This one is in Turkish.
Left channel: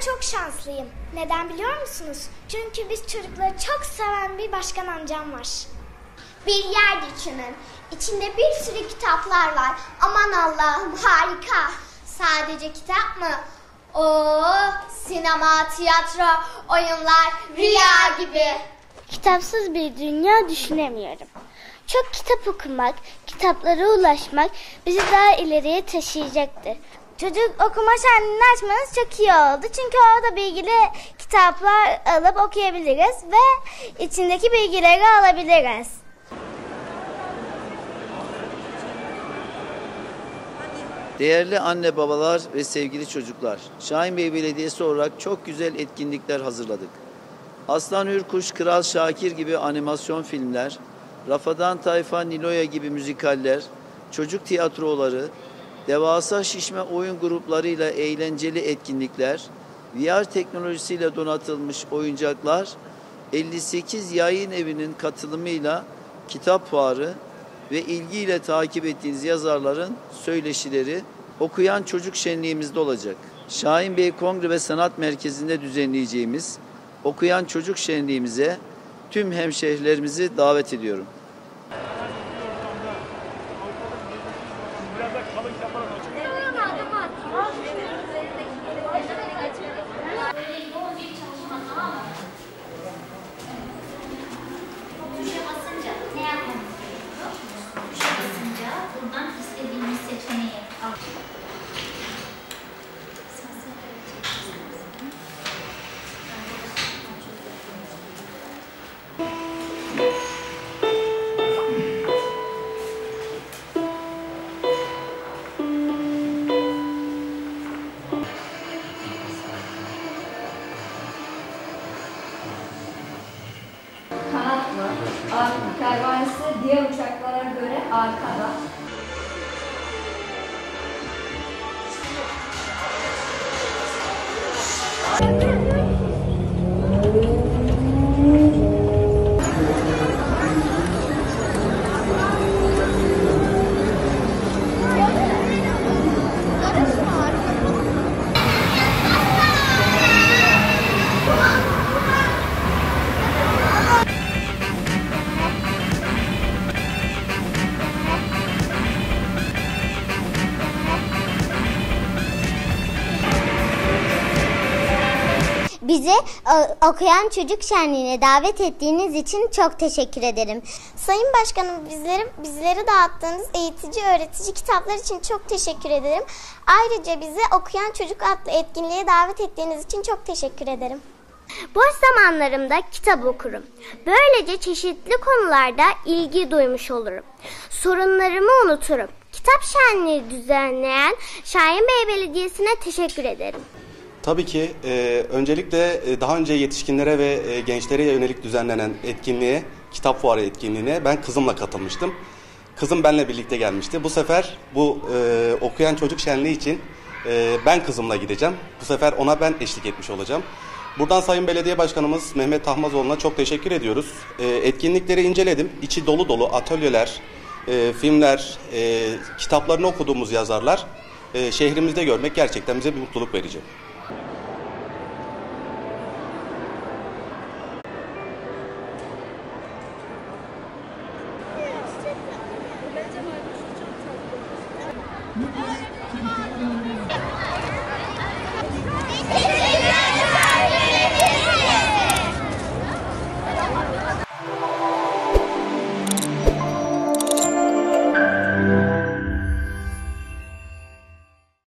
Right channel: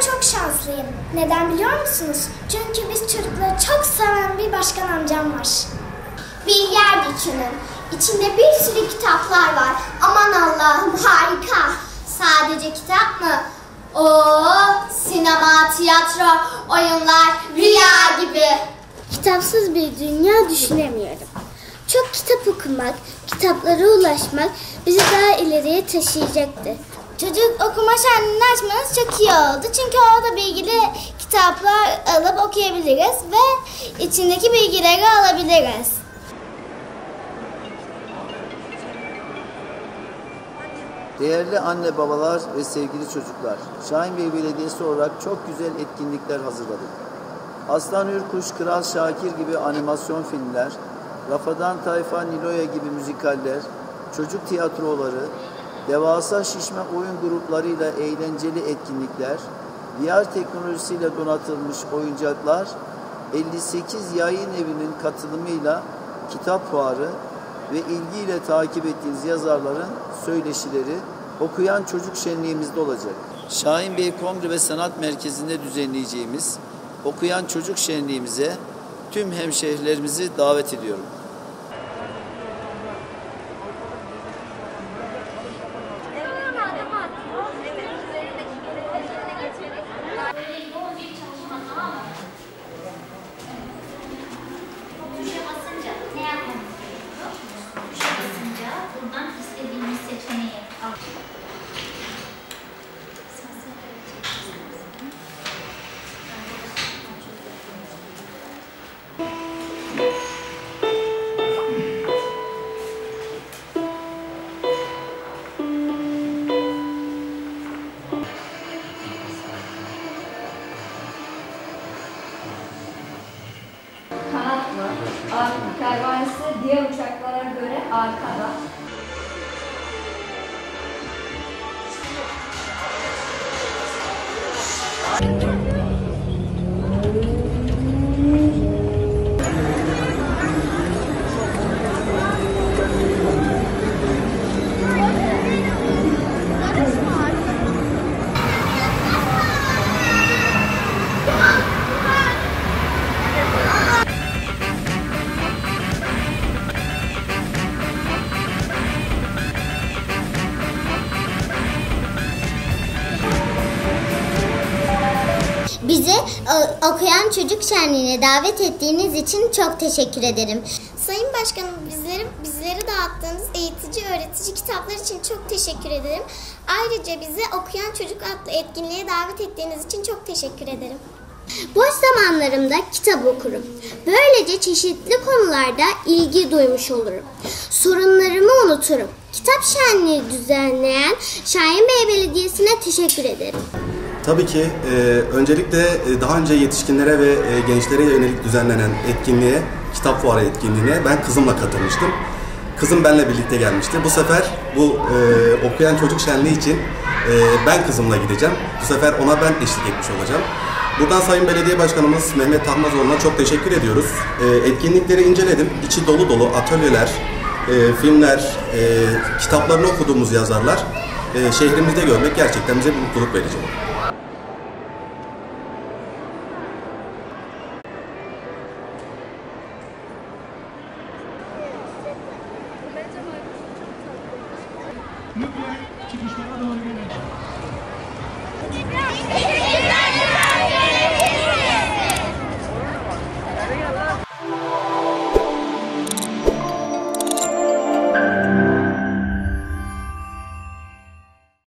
Ben çok şanslıyım. Neden biliyor musunuz? Çünkü biz çocukları çok seven bir başkan amcam var. Bir yer düşünün. İçinde bir sürü kitaplar var. Aman Allah'ım, harika. Sadece kitap mı? Sinema, tiyatro, oyunlar, rüya gibi. Kitapsız bir dünya düşünemiyorum. Çok kitap okumak, kitaplara ulaşmak bizi daha ileriye taşıyacaktır. Çocuk okuma şenliğini açmanız çok iyi oldu. Çünkü orada bilgili kitaplar alıp okuyabiliriz ve içindeki bilgileri alabiliriz. Değerli anne babalar ve sevgili çocuklar, Şahinbey Belediyesi olarak çok güzel etkinlikler hazırladık. Aslan Hürkuş, Kral Şakir gibi animasyon filmler, Rafadan Tayfa, Niloya gibi müzikaller, çocuk tiyatroları, devasa şişme oyun gruplarıyla eğlenceli etkinlikler, VR teknolojisiyle donatılmış oyuncaklar, 58 yayın evinin katılımıyla kitap fuarı ve ilgiyle takip ettiğiniz yazarların söyleşileri okuyan çocuk şenliğimizde olacak. Şahinbey Kongre ve Sanat Merkezi'nde düzenleyeceğimiz okuyan çocuk şenliğimize tüm hemşehrilerimizi davet ediyorum. Tuşa basınca ne yapmamız gerekiyor? Tuşa basınca buradan istediğimiz seçeneği al. Kanatlı, pervanesi diğer uçaklara göre arkada. Bizi okuyan çocuk şenliğine davet ettiğiniz için çok teşekkür ederim. Sayın Başkanım, bizleri dağıttığınız eğitici, öğretici kitaplar için çok teşekkür ederim. Ayrıca bizi okuyan çocuk adlı etkinliğe davet ettiğiniz için çok teşekkür ederim. Boş zamanlarımda kitap okurum. Böylece çeşitli konularda ilgi duymuş olurum. Sorunlarımı unuturum. Kitap şenliği düzenleyen Şahinbey Belediyesi'ne teşekkür ederim. Tabii ki öncelikle daha önce yetişkinlere ve gençlere yönelik düzenlenen etkinliğe, kitap fuarı etkinliğine ben kızımla katılmıştım. Kızım benimle birlikte gelmişti. Bu sefer bu okuyan çocuk şenliği için ben kızımla gideceğim. Bu sefer ona ben eşlik etmiş olacağım. Buradan Sayın Belediye Başkanımız Mehmet Tahmazoğlu'na çok teşekkür ediyoruz. Etkinlikleri inceledim. İçi dolu dolu atölyeler, filmler, kitaplarını okuduğumuz yazarlar şehrimizde görmek gerçekten bize bir mutluluk verecek. Lütfen çıkışlara doğru gelin.